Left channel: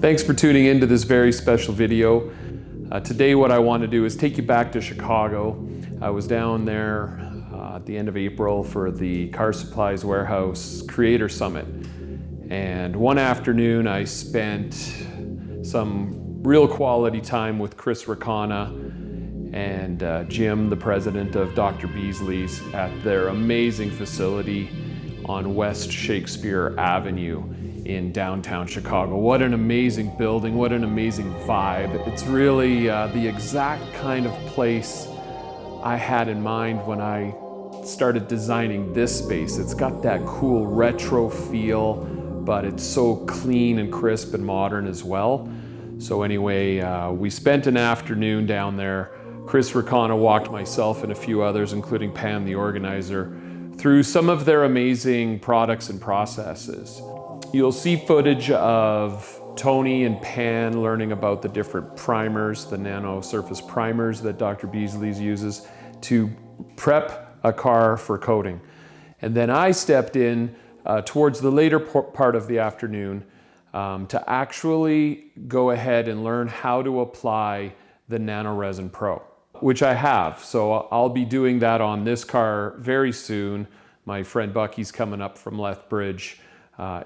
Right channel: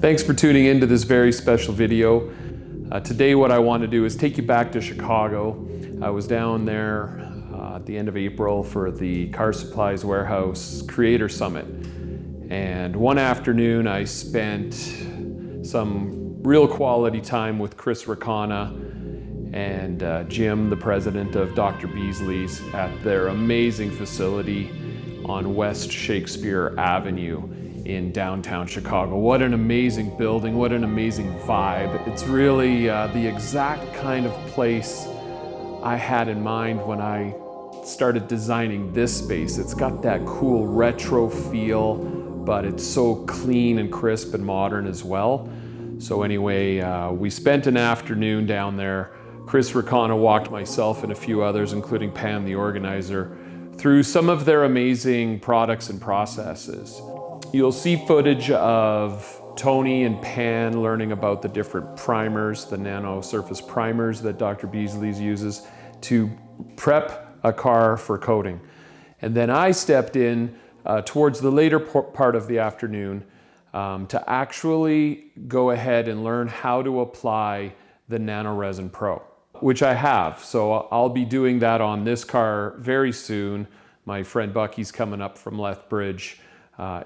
Thanks for tuning in to this very special video. Today what I want to do is take you back to Chicago. I was down there at the end of April for the Car Supplies Warehouse Creator Summit. And one afternoon I spent some real quality time with Racana and Jim, the president of Dr. Beasley's, at their amazing facility on West Shakespeare Avenue in downtown Chicago. What an amazing building, what an amazing vibe. It's really the exact kind of place I had in mind when I started designing this space. It's got that cool retro feel, but it's so clean and crisp and modern as well. So anyway, we spent an afternoon down there. Racana walked myself and a few others, including Pam, the organizer, through some of their amazing products and processes. You'll see footage of Tony and Pan learning about the different primers, the nano surface primers that Dr. Beasley's uses to prep a car for coating. And then I stepped in towards the later part of the afternoon to actually go ahead and learn how to apply the Nano-Resin Pro, which I have. So I'll be doing that on this car very soon. My friend Bucky's coming up from Lethbridge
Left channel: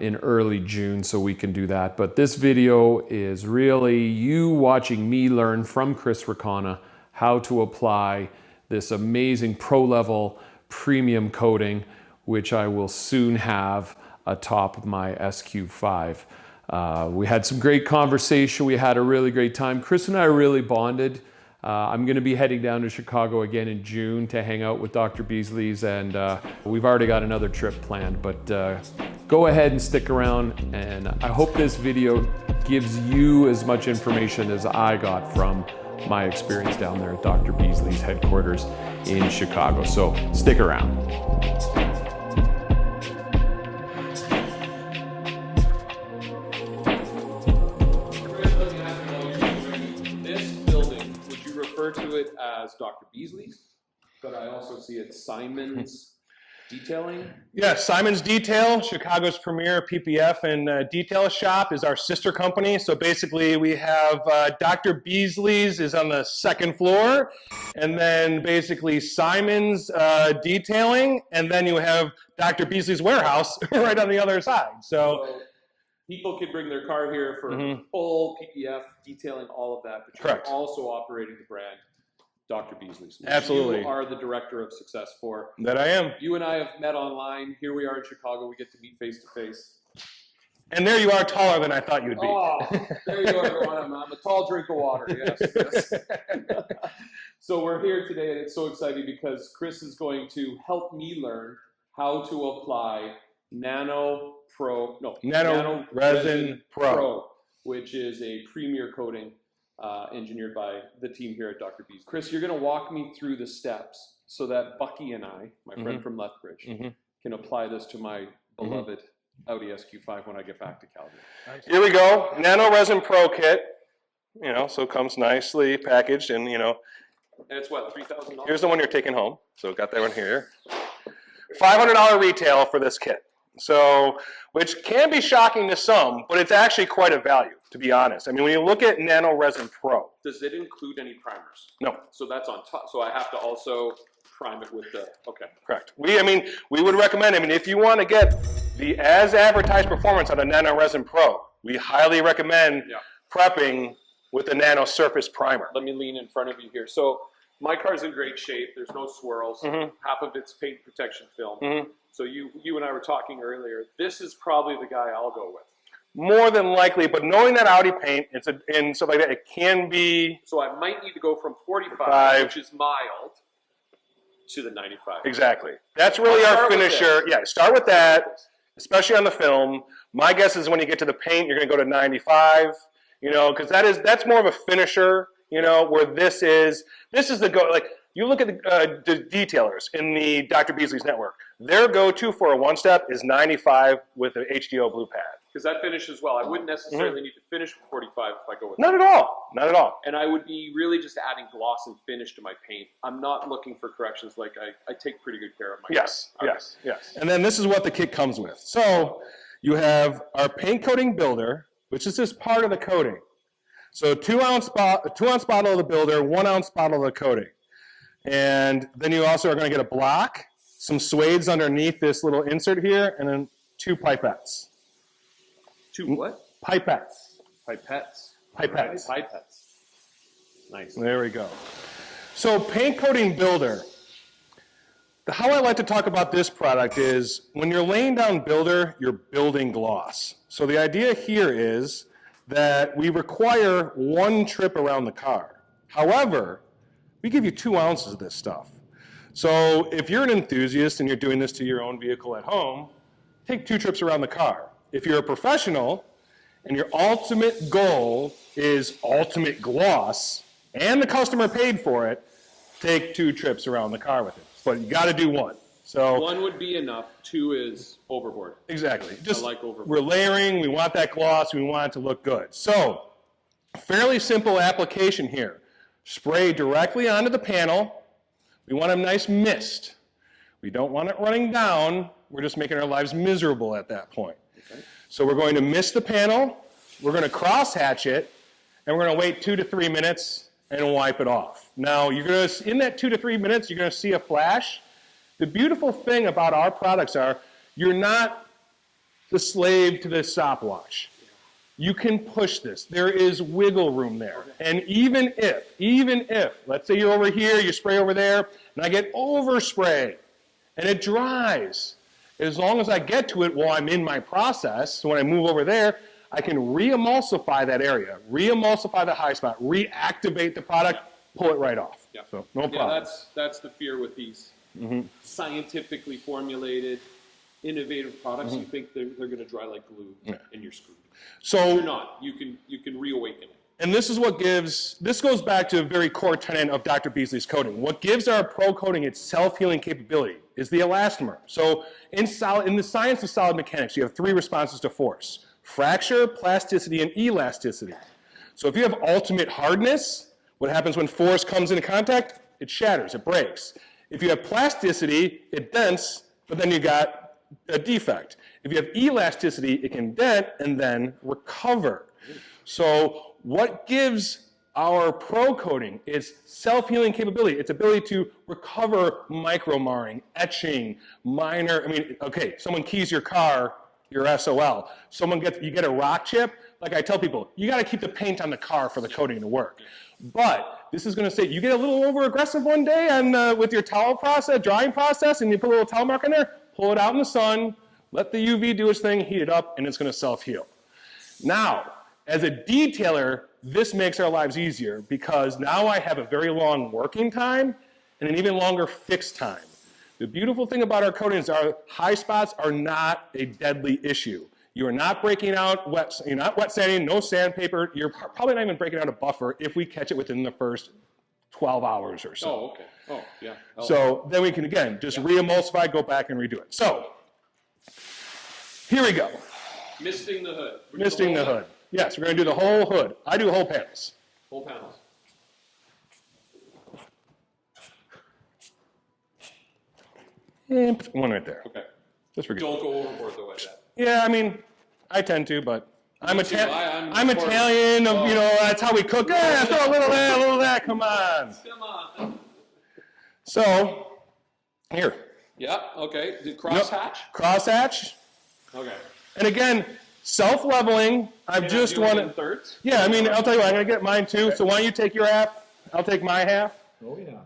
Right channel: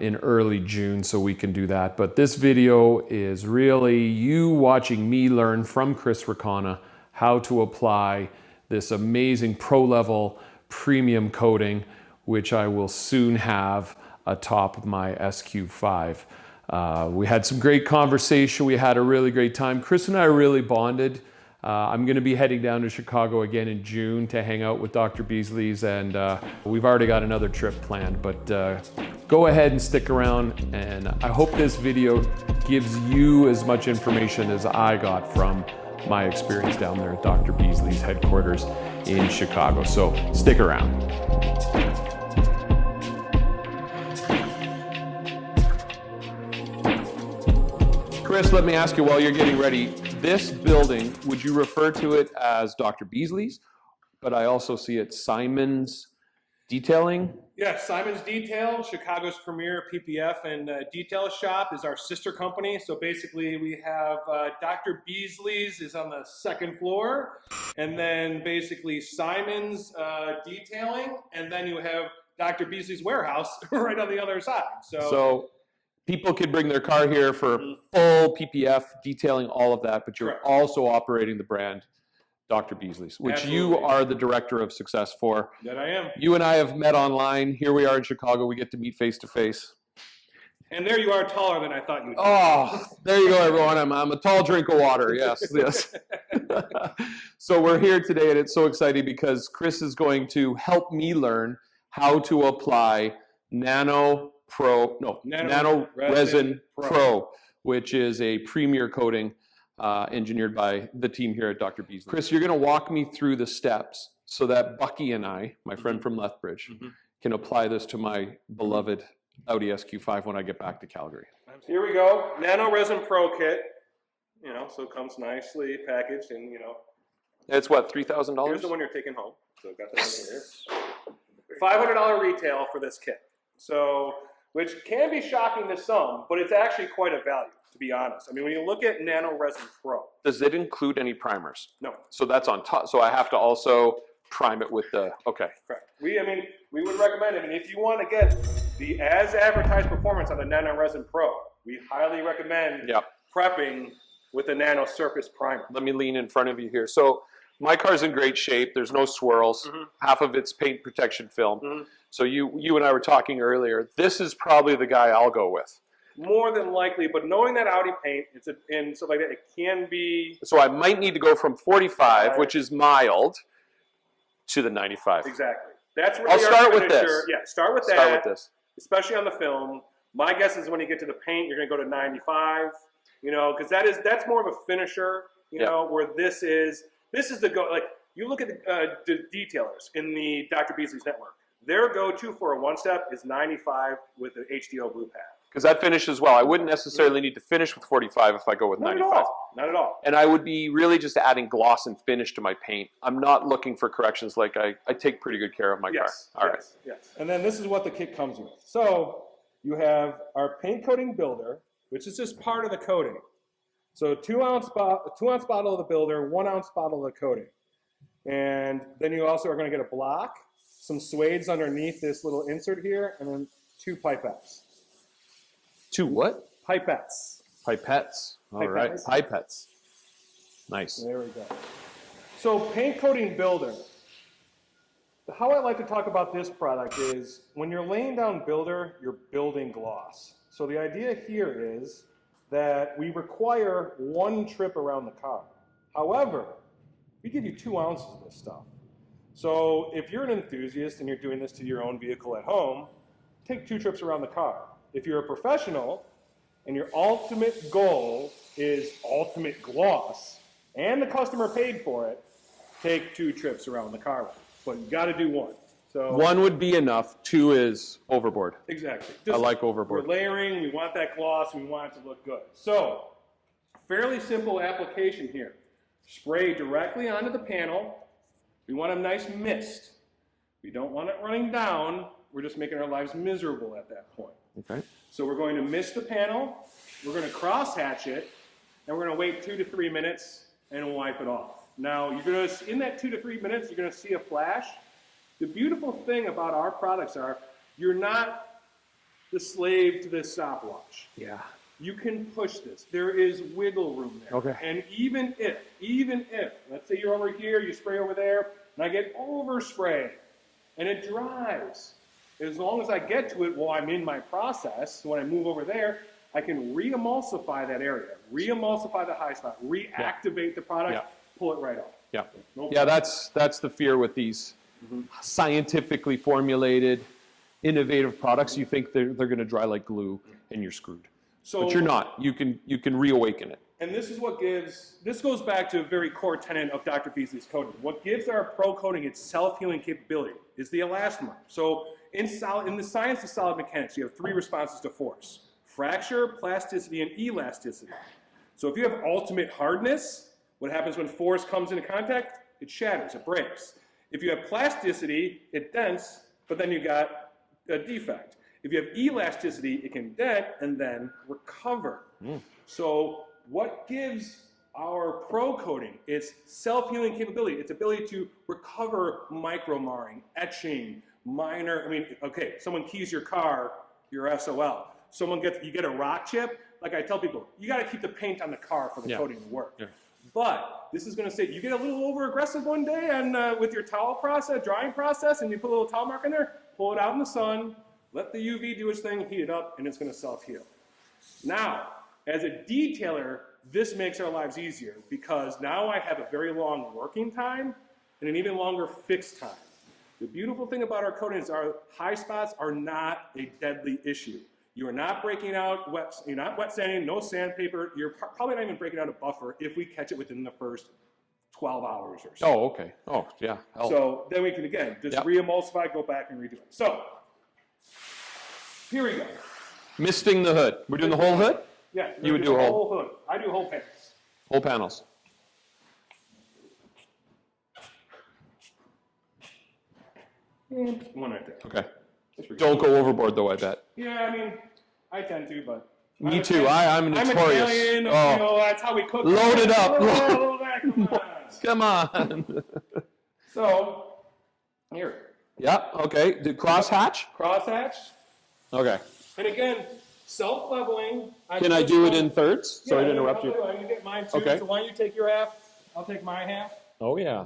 in early June, so we can do that. But this video is really you watching me learn from Racana how to apply this amazing pro-level premium coating, which I will soon have atop my SQ5. We had some great conversation. We had a really great time. Chris and I really bonded. I'm going to be heading down to Chicago again in June to hang out with Dr. Beasley's, and we've already got another trip planned, but go ahead and stick around, and I hope this video gives you as much information as I got from my experience down there at Dr. Beasley's headquarters in Chicago. So stick around. Chris, let me ask you while you're getting ready, this building, would you refer to it as Dr. Beasley's? But I also see it Simon's Detailing? Yeah, Simon's Detail, Chicago's premier PPF and detail shop, is our sister company. So basically we have Dr. Beasley's is on the second floor, and then basically Simon's Detailing, and then you have Dr. Beasley's Warehouse right on the other side. So people could bring their car here for full PPF, detailing, all of that, but you're Correct. also operating the brand Dr. Beasley's, which Absolutely. you are the director of success for. That I am. You and I have met online. Here we are in Chicago. We get to meet face to face. And there you are, taller than I thought you'd be. Oh, there you go, everyone. I'm a tall drink of water. Yes, this. So we're here today, and it's so exciting because Chris is going to help me learn how to apply Nano-Resin Pro, which is a premier coating engineered by the team here at Dr. Beasley. Chris, you're going to walk me through the steps so that Bucky and I, my friend from Lethbridge, can apply this to my beloved Audi SQ5 when I get back to Calgary. Here we go, Nano-Resin Pro kit. You know, so it comes nicely packaged, and you know, it's what, $3,000? here's the one you're taking home. So got that one here. $500 retail for this kit. So, which can be shocking to some, but it's actually quite a value, to be honest. I mean, when you look at Nano-Resin Pro. Does it include any primers? No. So that's on top. So I have to also prime it with the, okay. Correct. We would recommend, if you want to get the as advertised performance on a Nano-Resin Pro, we highly recommend prepping with the Nano Surface Primer. Let me lean in front of you here. So my car's in great shape. There's no swirls. Half of it's paint protection film. So you and I were talking earlier. This is probably the guy I'll go with. More than likely, but knowing that Audi paint and stuff like that, it can be. So I might need to go from 45, which is mild, to the 95. Exactly. That's really our finisher. Yeah, start with that, especially on the film. My guess is when you get to the paint, you're going to go to 95. You know, because that's more of a finisher. You know, where this is the go. Like you look at the detailers in the Dr. Beasley's network, their go-to for a one-step is 95 with an HDO blue pad. Because that finishes well. I wouldn't necessarily need to finish with 45 if I go with 95. Not at all. Not at all. And I would be really just adding gloss and finish to my paint. I'm not looking for corrections. Like I take pretty good care of my car. Yes. And then this is what the kit comes with. So you have our paint coating builder, which is just part of the coating. So 2-ounce bottle of the builder, 1-ounce bottle of the coating. And then you also are going to get a block, some suedes underneath this little insert here, and then 2 pipettes. 2 what? Pipettes. Pipettes. Pipettes. Right. Pipettes. Nice. There we go. So paint coating builder. How I like to talk about this product is when you're laying down builder, you're building gloss. So the idea here is that we require 1 trip around the car. However, we give you 2 ounces of this stuff. So if you're an enthusiast and you're doing this to your own vehicle at home, take 2 trips around the car. If you're a professional and your ultimate goal is ultimate gloss and the customer paid for it, take 2 trips around the car with it. But you got to do 1. So 1 would be enough. 2 is overboard. Exactly. I like overboard. We're layering. We want that gloss. We want it to look good. So fairly simple application here. Spray directly onto the panel. We want a nice mist. We don't want it running down. We're just making our lives miserable at that point. Okay. So we're going to mist the panel. We're going to cross-hatch it, and we're going to wait 2 to 3 minutes and wipe it off. Now, you're going to, in that 2 to 3 minutes, you're going to see a flash. The beautiful thing about our products are you're not the slave to this stopwatch. Yeah. You can push this. There is wiggle room there. Okay. And even if, let's say you're over here, you spray over there, and I get overspray, and it dries, as long as I get to it while I'm in my process, so when I move over there, I can re-emulsify that area, re-emulsify the high spot, reactivate the product, pull it right off. Yeah. So, no problem. Yeah, that's the fear with these scientifically formulated, innovative products. You think they're going to dry like glue, and you're screwed. So but you're not. You can reawaken it. And this is what gives, this goes back to a very core tenet of Dr. Beasley's coating. What gives our pro coating its self-healing capability is the elastomer. So in the science of solid mechanics, you have 3 responses to force: fracture, plasticity, and elasticity. So if you have ultimate hardness, what happens when force comes into contact? It shatters, it breaks. If you have plasticity, it dents, but then you got a defect. If you have elasticity, it can dent and then recover. So what gives our pro coating its self-healing capability, its ability to recover micro-marring, etching, minor, okay, someone keys your car, you're SOL. You get a rock chip, like I tell people, you gotta keep the paint on the car for the coating to work. But this is gonna say, you get a little over-aggressive one day and with your towel process, drying process, and you put a little towel mark in there, pull it out in the sun, let the UV do its thing, heat it up, and it's gonna self-heal. Now, as a detailer, this makes our lives easier because now I have a very long working time and an even longer fix time. The beautiful thing about our coatings, our high spots are not a deadly issue. You are not breaking out you're not wet sanding, no sandpaper. You're probably not even breaking out a buffer if we catch it within the first 12 hours or so. Oh, okay. Oh, yeah. Oh. So then we can, again, just re-emulsify, go back and redo it. So, here we go. Misting the hood. We're doing the whole hood? Yes, we're going to do the whole hood. I do whole panels. Whole panels. And one right there. Okay. Just for Don't go overboard though, I bet. Yeah, I tend to, but I'm Italian. I'm Italian. That's how we cook. Load it up. A little of that. Come on. Come on. So, here. Yep. Okay. Crosshatch. Crosshatch. Okay. And again, self-leveling. Can I do it in thirds? Yeah, I'll tell you what. I'm gonna get mine too. Okay. So why don't you take your half? I'll take my half. Oh yeah.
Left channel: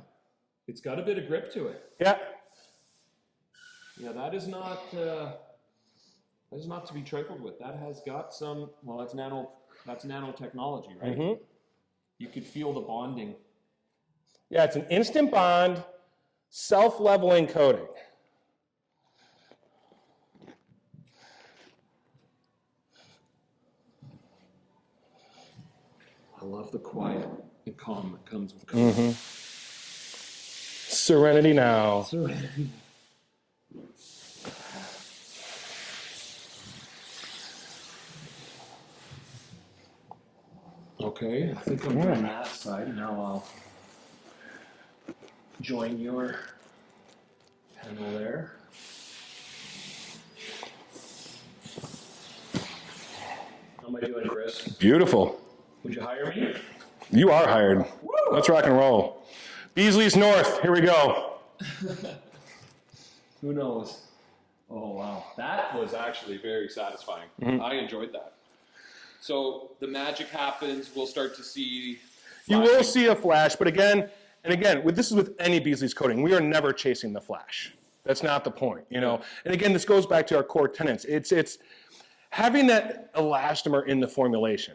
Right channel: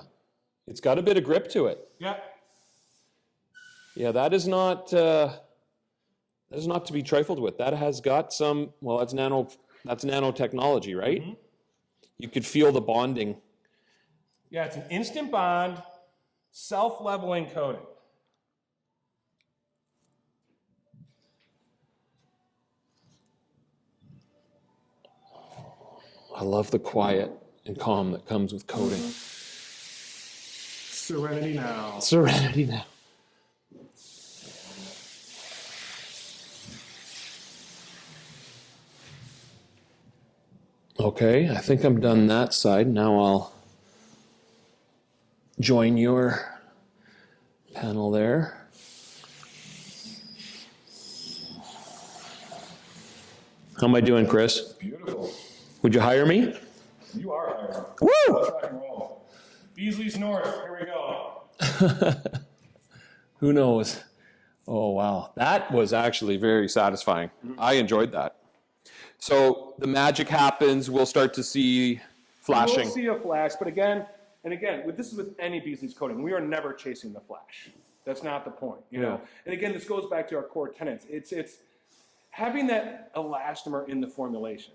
It's got a bit of grip to it. Yeah. Yeah, that is not to be trifled with. That has got some. Well, that's nanotechnology, right? Mm-hmm. You could feel the bonding. Yeah, it's an instant bond, self-leveling coating. I love the quiet and calm that comes with coating. Mm-hmm. Serenity now. Serenity now. Okay, I think I'm done that side. Now I'll join your panel there. How am I doing, Chris? Beautiful. Would you hire me? You are hired. Woo! Let's rock and roll. BEASLEY'S North, here we go. Who knows? Oh, wow. That was actually very satisfying. I enjoyed that. So the magic happens. We'll start to see flashing. You will see a flash, but again, this is with any BEASLEY'S coating. We are never chasing the flash. That's not the point, you know. And again, this goes back to our core tenets. It's having that elastomer in the formulation.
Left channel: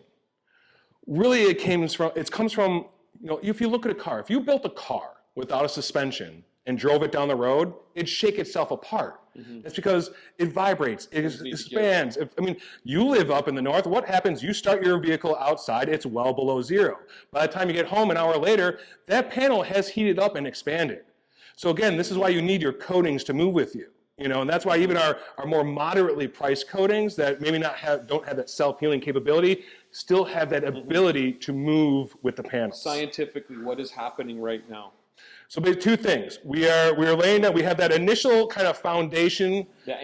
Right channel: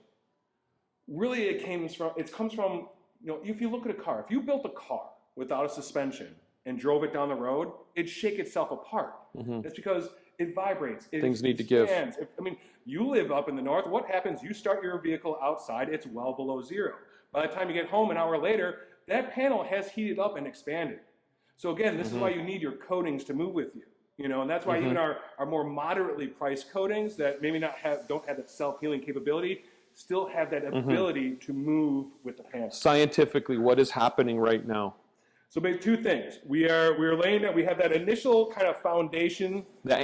Really, it comes from, you know, if you look at a car, if you built a car without a suspension and drove it down the road, it'd shake itself apart. That's because it vibrates, it expands. I mean, you live up in the north, what happens? You start your vehicle outside, it's well below zero. By the time you get home an hour later, that panel has heated up and expanded. So again, this is why you need your coatings to move with you. You know, and that's why even our more moderately priced coatings that maybe don't have that self-healing capability still have that ability to move with the panel. Scientifically, what is happening right now? So maybe two things. We are laying that we have that initial kind of foundation that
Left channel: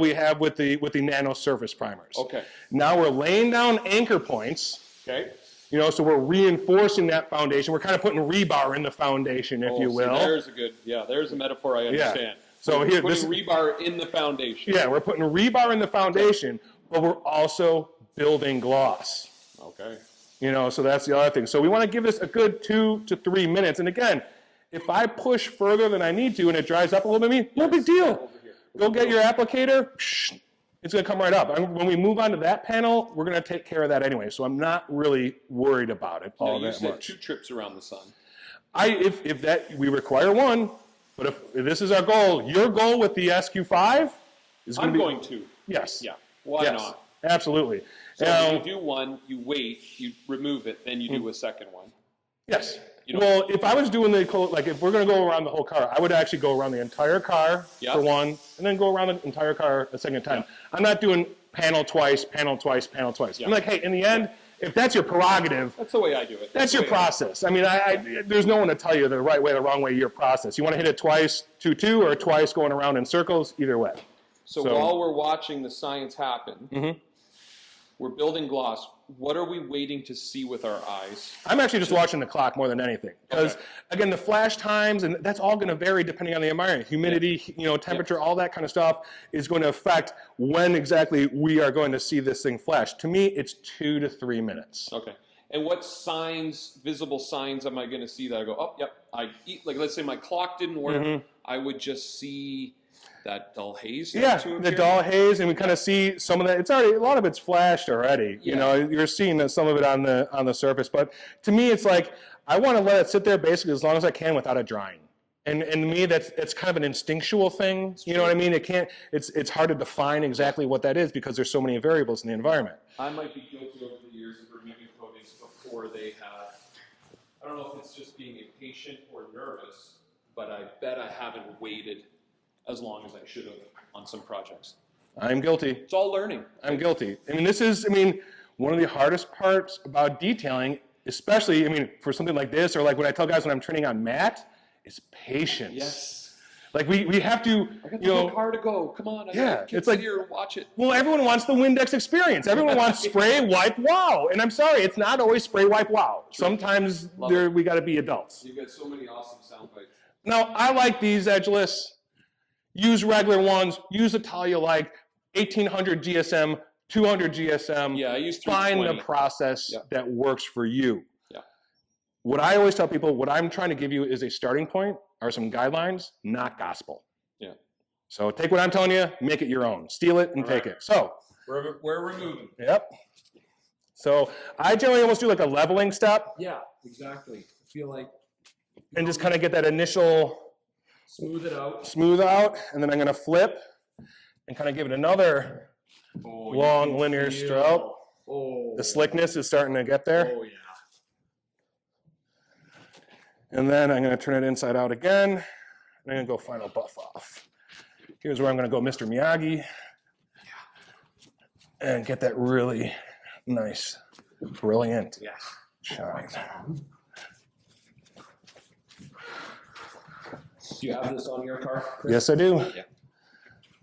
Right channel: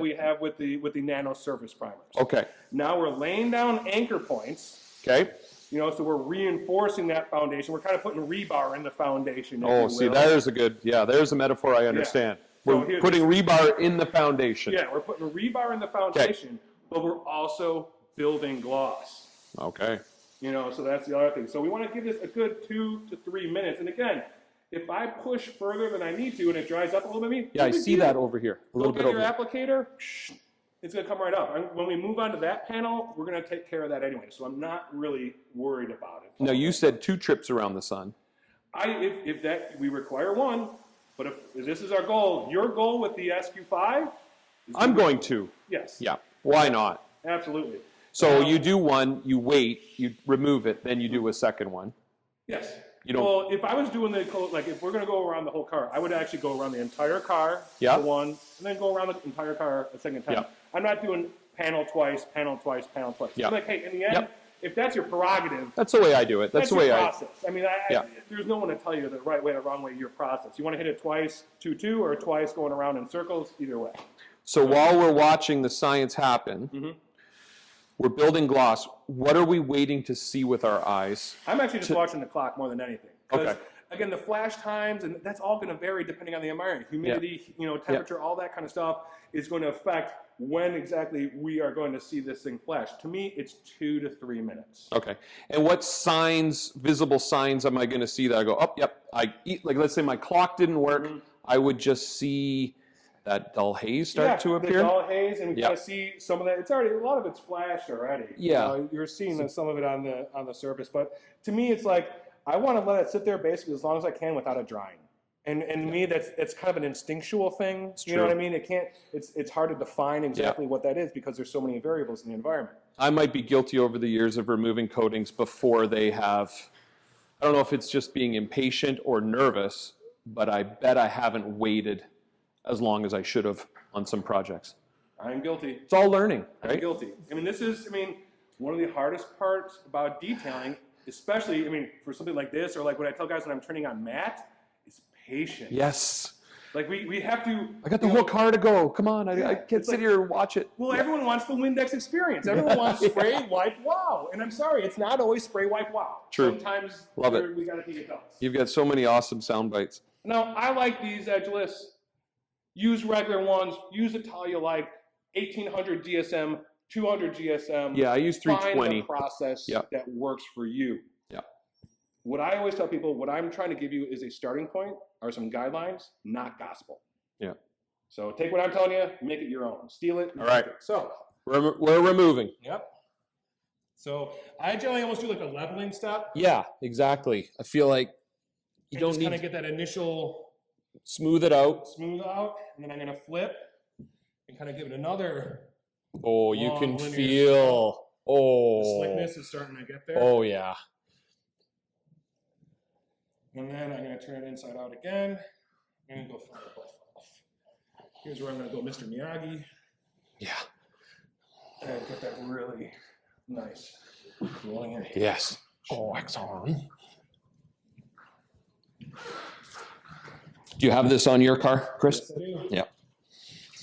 we have with the nano surface primers. Okay. Now we're laying down anchor points. Okay. You know, so we're reinforcing that foundation. We're kind of putting rebar in the foundation, if you will. See, there's a metaphor I understand. Yeah. So we're putting rebar in the foundation. Yeah, we're putting rebar in the foundation, but we're also building gloss. Okay. You know, so that's the other thing. So we want to give this a good 2 to 3 minutes. And again, if I push further than I need to and it dries up a little bit, no big deal. I see that over here. Go get your applicator. It's going to come right up. When we move on to that panel, we're going to take care of that anyway. So I'm not really worried about it. No, you said 2 trips around the sun. If that we require 1, but if this is our goal, your goal with the SQ5 is going to. Yes. Yeah. Why not? Absolutely. So you do one, you wait, you remove it, then you do a second one. Yes. Well, if I was doing if we're going to go around the whole car, I would actually go around the entire car for one, and then go around the entire car a second time. I'm not doing panel twice, panel twice, panel twice. I'm like, hey, in the end, if that's your prerogative, that's the way I do it. That's your process. I mean, there's no one to tell you the right way, the wrong way, your process. You want to hit it twice, 2-2, or twice going around in circles, either way. So while we're watching the science happen, we're building gloss. What are we waiting to see with our eyes? I'm actually just watching the clock more than anything. Because, again, the flash times, and that's all going to vary depending on the environment. Humidity, you know, temperature, all that kind of stuff is going to affect when exactly we are going to see this thing flash. To me, it's 2 to 3 minutes. Okay. And what signs, visible signs, am I going to see that I go, oh, yep, like let's say my clock didn't work, I would just see that dull haze start to appear? The dull haze, and we kind of see some of that. It's already, a lot of it's flashed already. You know, you're seeing some of it on the surface. But to me, it's like, I want to let it sit there basically as long as I can without it drying. And to me, it's kind of an instinctual thing. You know what I mean? It's hard to define exactly what that is because there's so many variables in the environment. I might be guilty over the years of removing coatings before they have, I don't know if it's just being impatient or nervous, but I bet I haven't waited as long as I should have on some projects. I'm guilty. It's all learning. I'm guilty. I mean, one of the hardest parts about detailing, especially, for something like this, or like when I tell guys when I'm training on matte, is patience. Yes. Like we have to. I got the whole car to go. Come on, I can't sit here and watch it. Well, everyone wants the Windex experience. Everyone wants spray, wipe, wow. And I'm sorry, it's not always spray, wipe, wow. True. Sometimes we got to be adults. You've got so many awesome sound bites. Now, I like these edgeless. Use regular ones. Use a tile you like. 1800 GSM, 200 GSM. Yeah, I use 320. Find the process that works for you. Yeah. What I always tell people, what I'm trying to give you is a starting point, are some guidelines, not gospel. Yeah. So take what I'm telling you, make it your own. Steal it and take it. So we're removing. Yep. So I generally almost do like a leveling step. Yeah, exactly. I feel like and just kind of get that initial smooth out, and then I'm going to flip and kind of give it another long linear feel, stroke. Oh, the slickness is starting to get there. Oh yeah. And then I'm going to turn it inside out again. And I'm going to go final buff off. Here's where I'm going to go Mr. Miyagi. Yeah. And get that really nice, brilliant. Yes. Do you have this on your car, Chris? Yes, I do. Yeah.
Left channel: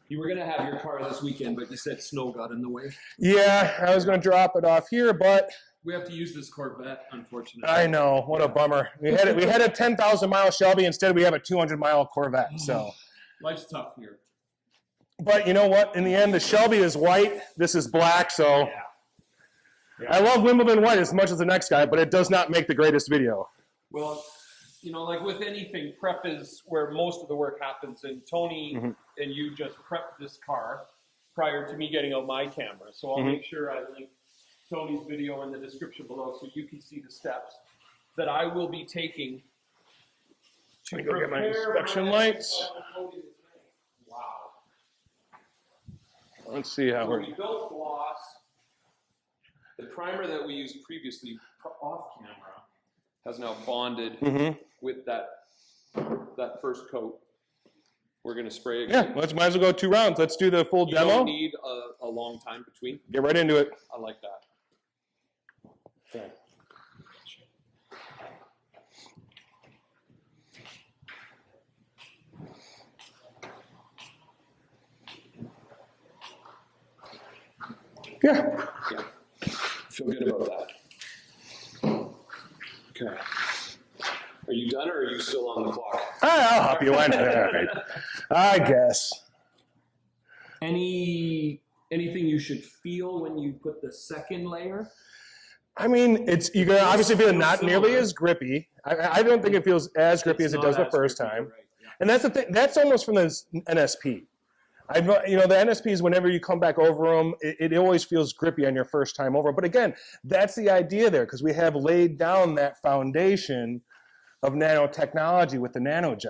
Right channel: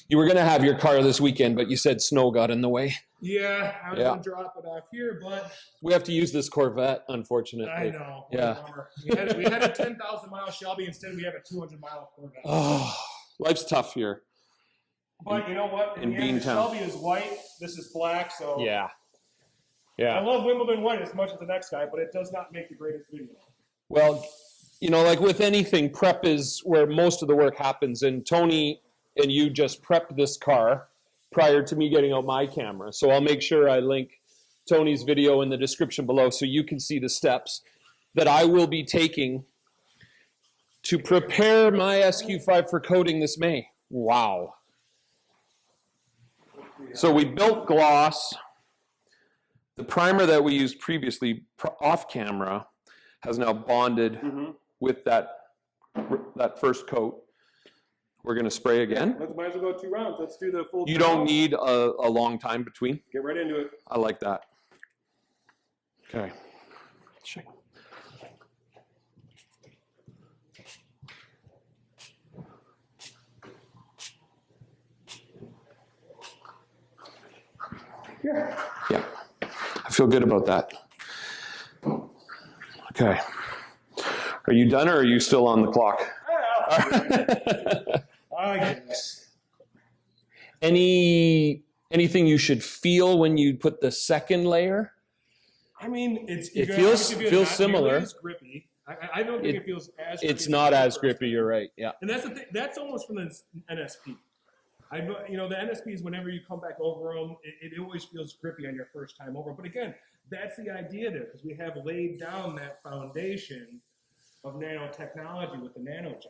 You were going to have your car this weekend, but you said snow got in the way. Yeah, I was going to drop it off here, but we have to use this Corvette, unfortunately. I know, what a bummer. We had a 10,000-mile Shelby. Instead, we have a 200-mile Corvette. So. Life's tough here. But you know what? In the end, the Shelby is white. This is black, so yeah. I love Wimbledon white as much as the next guy, but it does not make the greatest video. Well, you know, like with anything, prep is where most of the work happens. And Tony and you just prepped this car prior to me getting out my camera. So I'll make sure I link Tony's video in the description below so you can see the steps that I will be taking to prepare my SQ5 for coating this May. Wow. Let's see how. So we built gloss. The primer that we used previously off camera has now bonded with that first coat. We're going to spray again. Yeah, might as well go 2 rounds. Let's do the full demo. You don't need a long time between. Get right into it. I like that. Okay. Yeah. Yeah. I feel good about that. Okay. Are you done or are you still on the clock? Oh, you went there. I guess. Anything you should feel when you put the second layer? I mean, you can obviously feel not nearly as grippy. I don't think it feels as grippy as it does the first time. You're right. Yeah. And that's the thing. That's almost from the NSP. The NSPs, whenever you come back over them, it always feels grippy on your first time over. But again, that's the idea there, because we have laid down that foundation of nanotechnology with the nanogel.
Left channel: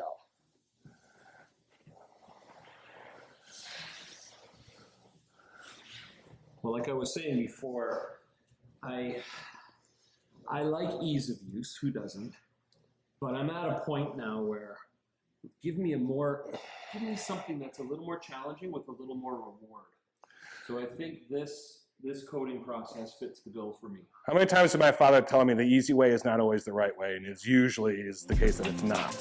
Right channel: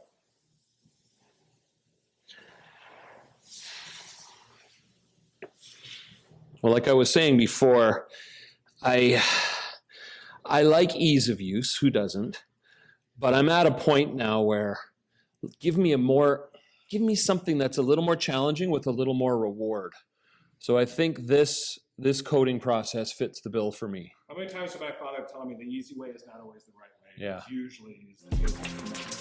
Well, like I was saying before, I like ease of use. Who doesn't? But I'm at a point now where give me something that's a little more challenging with a little more reward. So I think this coding process fits the bill for me. How many times did my father tell me the easy way is not always the right way? Yeah. It usually is the case that it's not.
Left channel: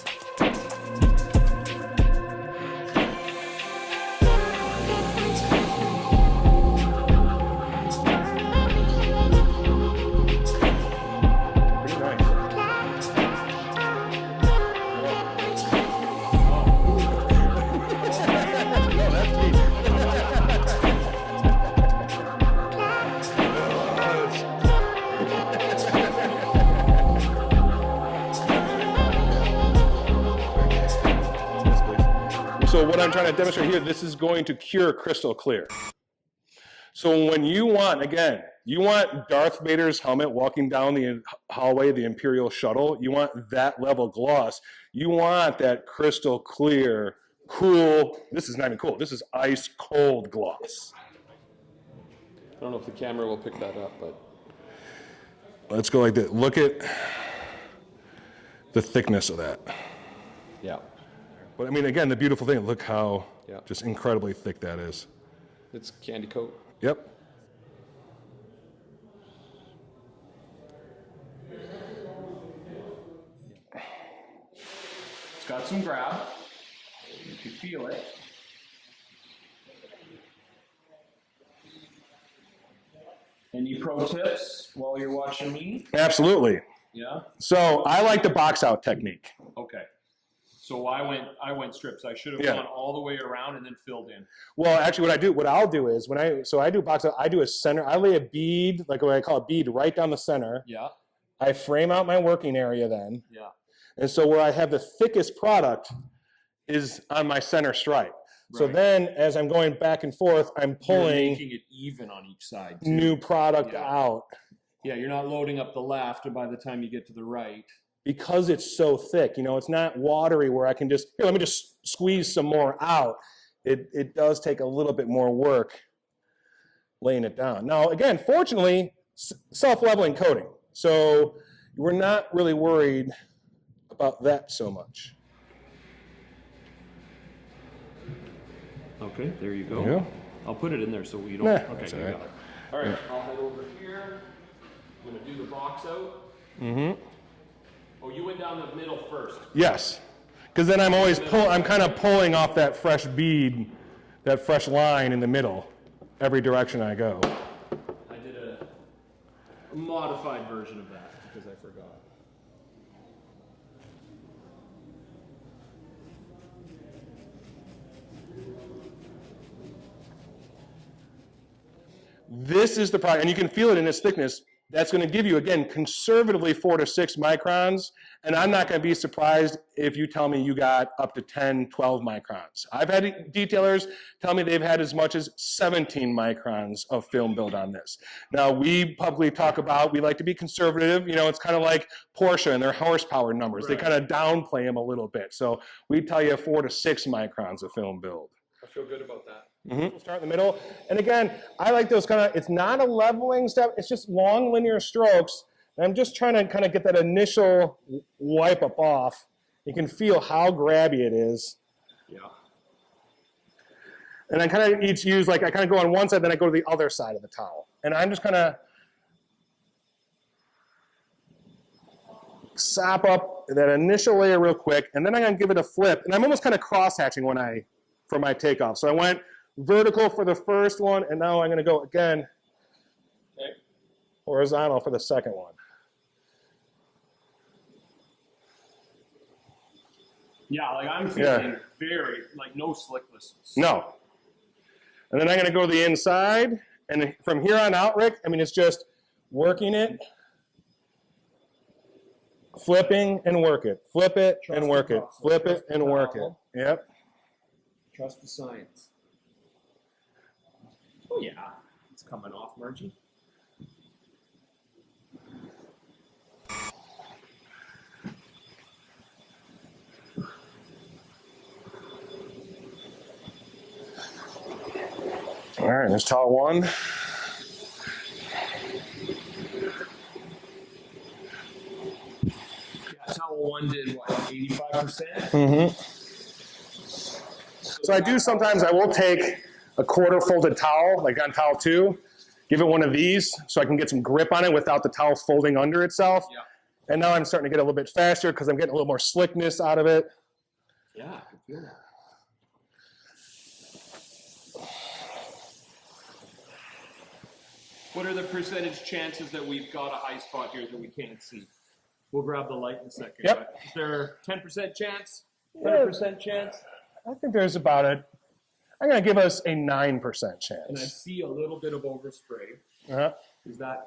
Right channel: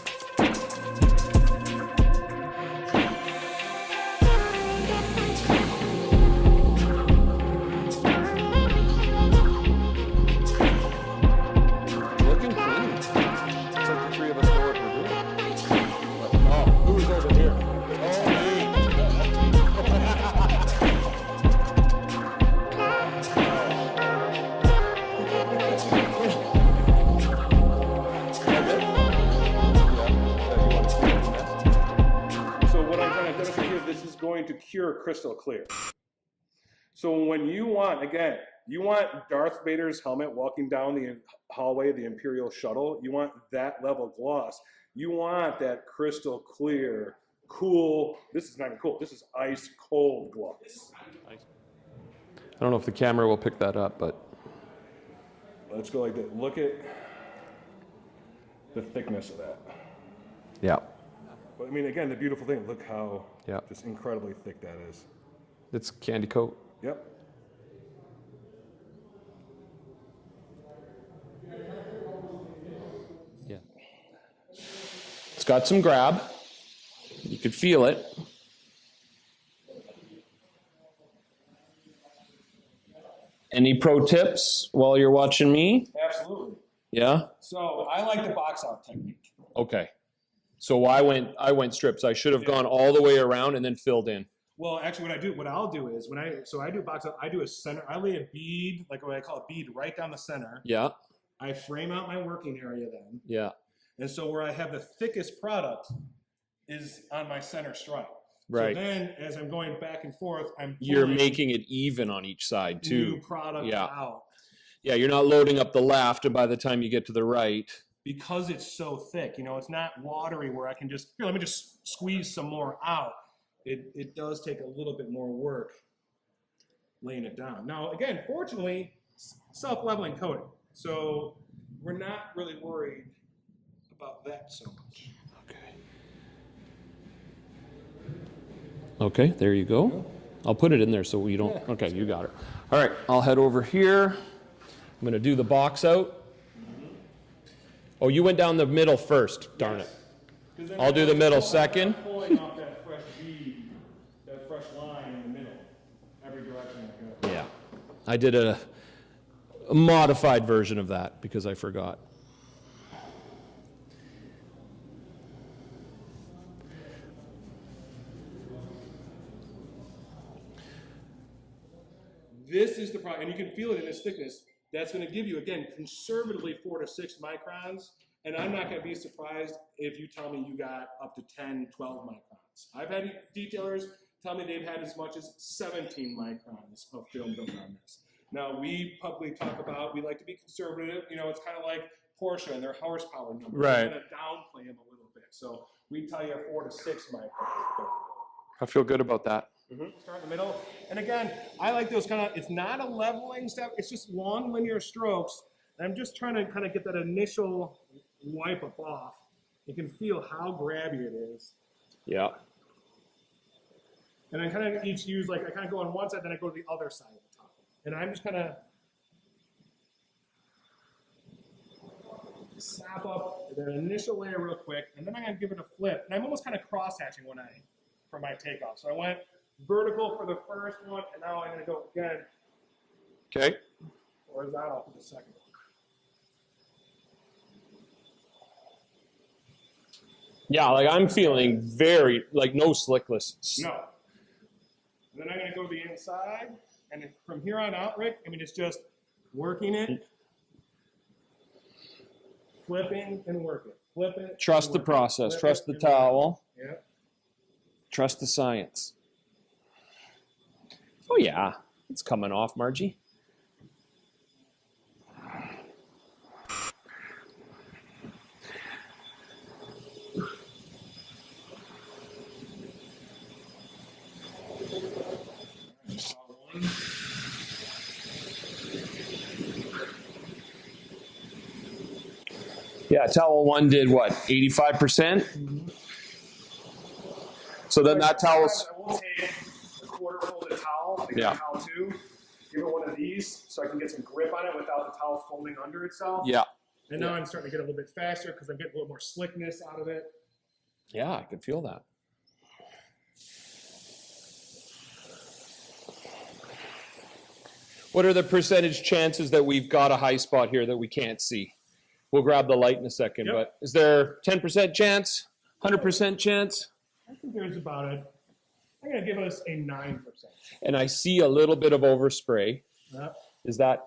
Demonstrate here, this is going to cure crystal clear. So when you want Darth Vader's helmet walking down the hallway, the Imperial shuttle, you want that level gloss. You want that crystal clear, cool, this is not even cool, this is ice cold gloss. I don't know if the camera will pick that up, but. Let's go like this. Look at the thickness of that. Yeah. But I mean, again, the beautiful thing, look how just incredibly thick that is. It's candy coat. Yep. Yeah. It's got some grab. You could feel it. Any pro tips while you're watching me? Absolutely. Yeah? So I like the box out technique. Okay. So I went strips. I should have gone all the way around and then filled in. Well, actually, what I'll do is I do box out. I do a center. I lay a bead, like what I call a bead, right down the center. Yeah. I frame out my working area then. Yeah. And so where I have the thickest product is on my center stripe. Right. So then, as I'm going back and forth, I'm pulling. You're making it even on each side too. New product out. Yeah, you're not loading up the left, and by the time you get to the right. Because it's so thick, it's not watery where I can just, let me just squeeze some more out. It does take a little bit more work laying it down. Now, again, fortunately, self-leveling coating. So we're not really worried about that so much. Okay, there you go. Yeah. I'll put it in there so we don't, okay, you got it. All right, I'll head over here. I'm gonna do the box out. Mm-hmm. Oh, you went down the middle first. Yes, because then I'm kind of pulling off that fresh bead that fresh line in the middle, every direction I go. Yeah. I did a modified version of that because I forgot. This is the product, and you can feel it in its thickness. That's going to give you, again, conservatively 4 to 6 microns, and I'm not going to be surprised if you tell me you got up to 10, 12 microns. I've had detailers tell me they've had as much as 17 microns of film build on this. Now, we publicly talk about, we like to be conservative. You know, it's kind of like Porsche and their horsepower numbers. Right. They kind of downplay them a little bit. So we tell you 4 to 6 microns of film build. I feel good about that. Start in the middle. And again, I like those kind of, it's not a leveling step, it's just long linear strokes. And I'm just trying to kind of get that initial wipe up off. You can feel how grabby it is. Yeah. And I kind of each use, like I kind of go on one side, then I go to the other side of the towel. And I'm just kind of sop up that initial layer real quick, and then I'm going to give it a flip. And I'm almost kind of cross-hatching for my takeoff. So I went vertical for the first one, and now I'm going to go again, okay, horizontal for the second one. Yeah, like I'm feeling very, like no slickness. No. And then I'm going to go to the inside, and from here on out, Rick, I mean, it's just working it, flipping and work it. Flip it, trust the process, flip trust it, the and towel. work it. Yep. Trust the science. Oh yeah, it's coming off, Margie. All right, there's towel one. Yeah, towel one did what, 85%? Mm-hmm. So I do sometimes, I will take a quarter folded towel, like that towel two, give it one of these so I can get some grip on it without the towel folding under itself. Yeah. And now I'm starting to get a little bit faster because I'm getting a little more slickness out of it. Yeah, I could feel that. What are the percentage chances that we've got a high spot here that we can't see? We'll grab the light in a second, but is there 10% chance, 100% chance? I think there's about I'm going to give us a 9% chance. And I see a little bit of overspray. Is that?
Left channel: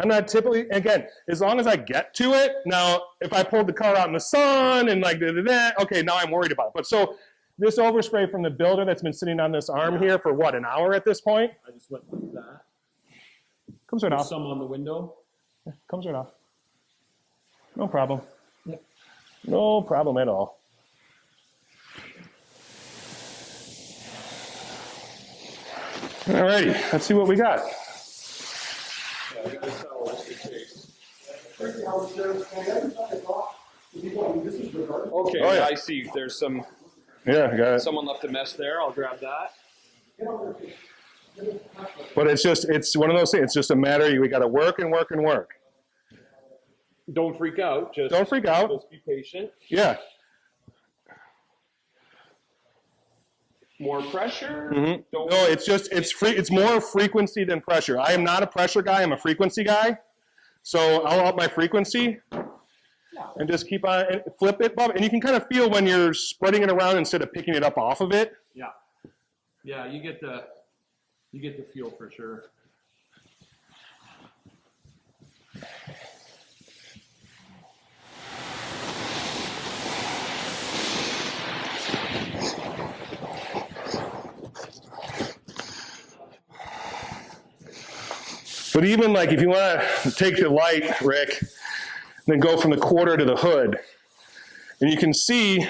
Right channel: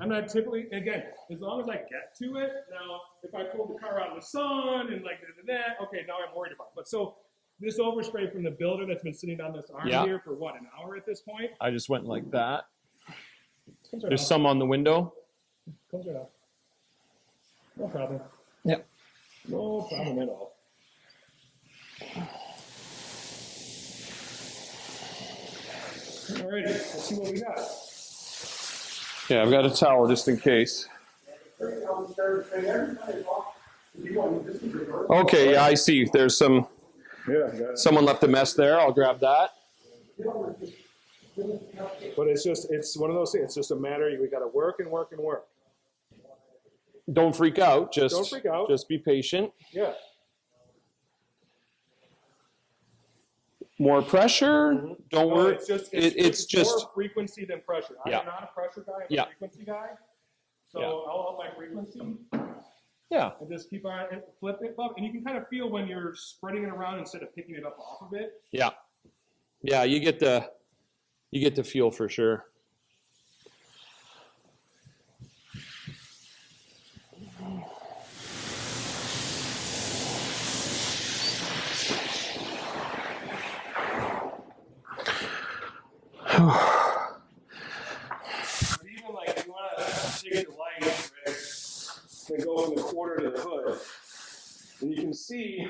I'm not typically, again, as long as I get to it. Now, if I pulled the car out in the sun and like okay, now I'm worried about it. But so this overspray from the builder that's been sitting on this arm here for what, an hour at this point? I just went like that. Comes right There's off. some on the window. Yeah, comes right off. No problem. Yeah. No problem at all. Alrighty, let's see what we got. Yeah, I've got a towel just in case. Okay, yeah, I see. There's some. Yeah, I got it. Someone left a mess there. I'll grab that. But it's one of those things. It's just a matter. We got to work and work and work. Don't freak out. Don't freak out. Just be patient. Yeah. More pressure. Mm-hmm. Don't no, worry. It's more frequency than pressure. I am not a pressure guy. I'm a frequency guy. So I'll up my frequency. Yeah. And just keep on and flip it, Bob. And you can kind of feel when you're spreading it around instead of picking it up off of it. Yeah. Yeah, you get the feel for sure. But even like if you want to take the light, Rick, then go from the quarter to the hood, and you can see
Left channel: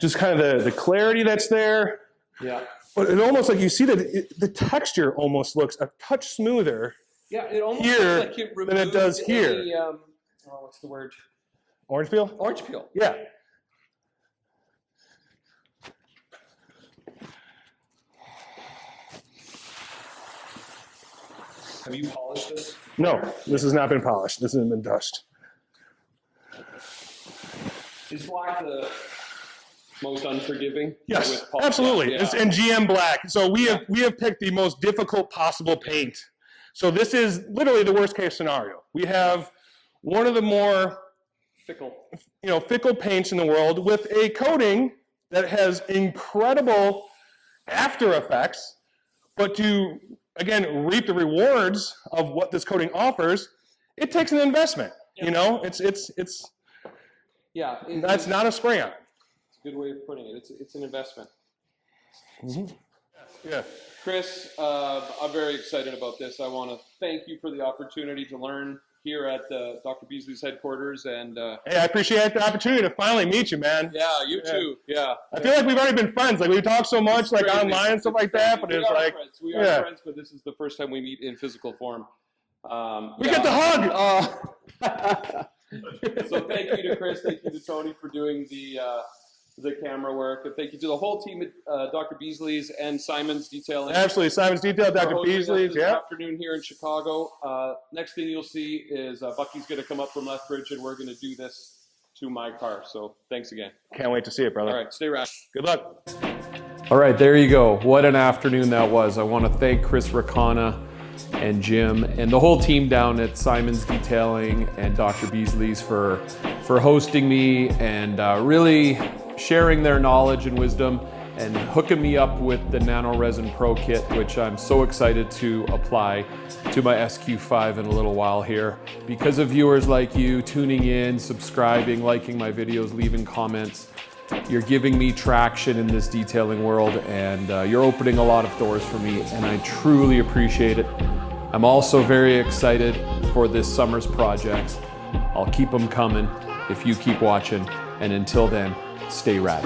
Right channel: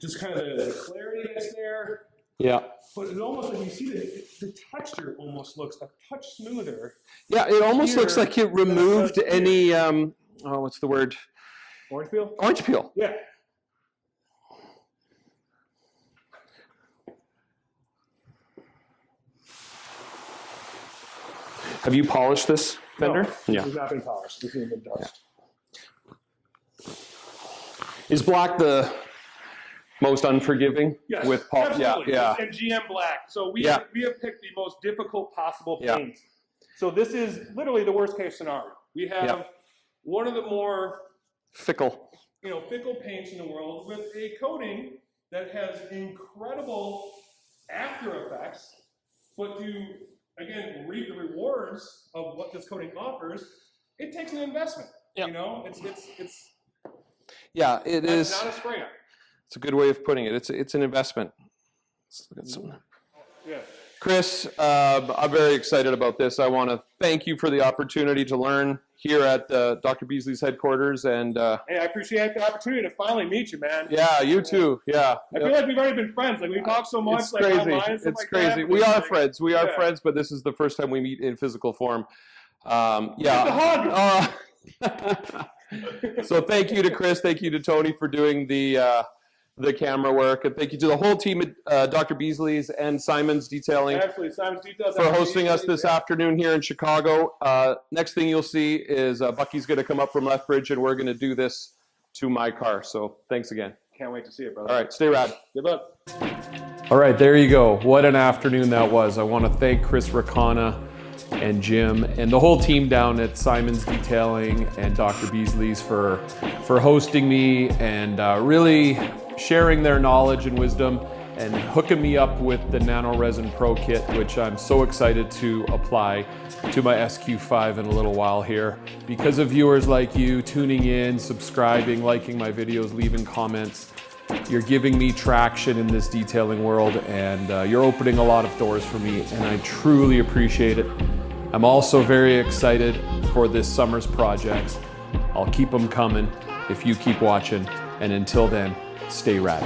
just kind of the clarity that's there. Yeah. But it almost like you see that the texture almost looks a touch smoother. Yeah, it almost looks like it removed any what's the word? Orange peel? Orange peel. Yeah. Have you polished this? No, this has not been polished. This has been dust. Is black the most unforgiving. Yes, with pulp. absolutely. Yeah, And GM black. So we Yeah. have picked the most difficult possible paint. So this is literally the worst case scenario. We have one of the more fickle paints in the world with a coating that has incredible after effects, but to again reap the rewards of what this coating offers, it takes an investment. You know, it's that's not a spray on. It's a good way of putting it. It's an investment. Yeah. Chris, I'm very excited about this. I want to thank you for the opportunity to learn here at Dr. Beasley's headquarters. And hey, I appreciate the opportunity to finally meet you, man. Yeah, you too. Yeah. I feel like we've already been friends. Like we talk so much, like online and stuff like that. But We are friends. We are friends, but this is the first time we meet in physical form. We get the hug. So thank you to Chris. Thank you to Tony for doing the camera work, and thank you to the whole team at Dr. Beasley's and Simon's Detailing. Absolutely, Simon's Detailing for hosting us this afternoon here in Chicago. Next thing you'll see is Bucky's going to come up from Lethbridge, and we're going to do this to my car. So thanks again. Can't wait to see it, brother. All right, stay rad. Good luck. All right, there you go. What an afternoon that was. I want to thank Chris Racana and Jim and the whole team down at Simon's Detailing and Dr. Beasley's for hosting me and really sharing their knowledge and wisdom and hooking me up with the Nano-Resin Pro Kit, which I'm so excited to apply to my SQ5 in a little while here. Because of viewers like you tuning in, subscribing, liking my videos, leaving comments, you're giving me traction in this detailing world, and you're opening a lot of doors for me, and I truly appreciate it. I'm also very excited for this summer's projects. I'll keep them coming if you keep watching, and until then, stay rad.